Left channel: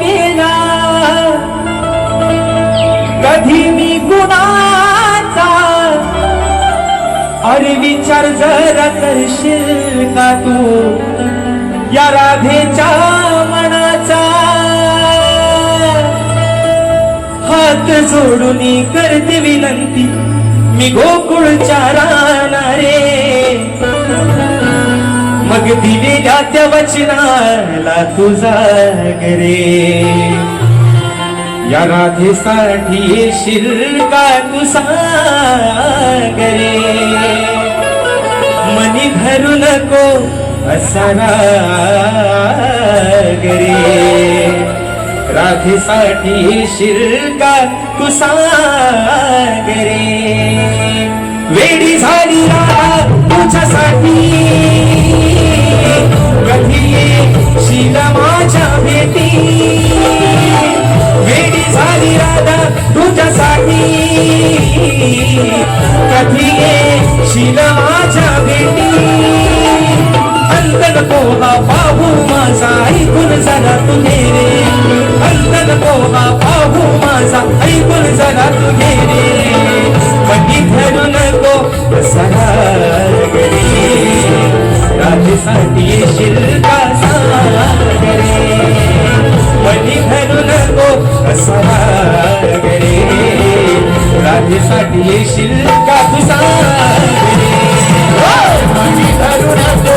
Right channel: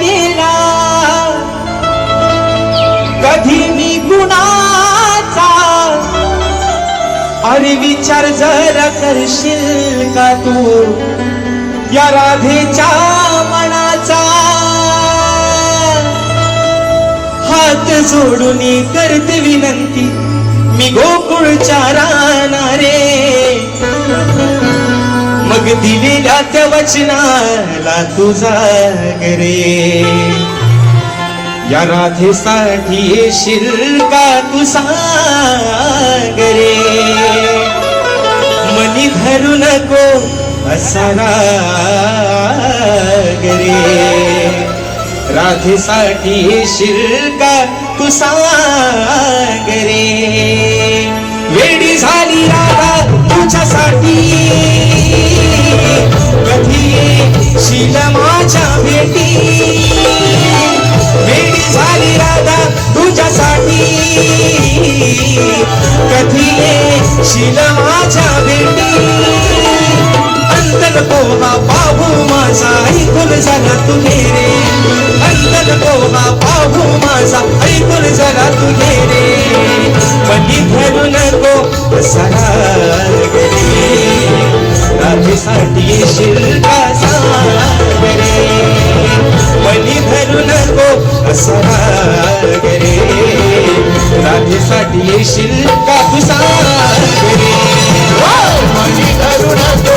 केला कधी मी गुणाचा, अरे विचार जर करशील का तू या राधेच्या मनाचा, हात जोडून करते विनंती मी गोकुळच्या रानारे, मग दिलेल्या त्या वचनाला तुझा गरे, या राधेसाठी येशील का तू सांग रे, मनी धरू नको असा राग रे, राधेसाठी येशील का तू सांग रे, वेडी झाली राधा तुझ्यासाठी, कधी येशील माझ्या भेटी, वेडी झाली राधा तुझ्यासाठी, कधी येशील माझ्या भेटी, अंतन कोहा पाहू माझा ऐकून जरा तू रे, अंतन कोहा पाहू माझा ऐकून जरा तू रे, मनी धरू नको सराग रे, राधेसाठी येशील का सांग रे, मनी धरू नको सराग रे, राधेसाठी येशील का तू सांग रे, मनी धरू नको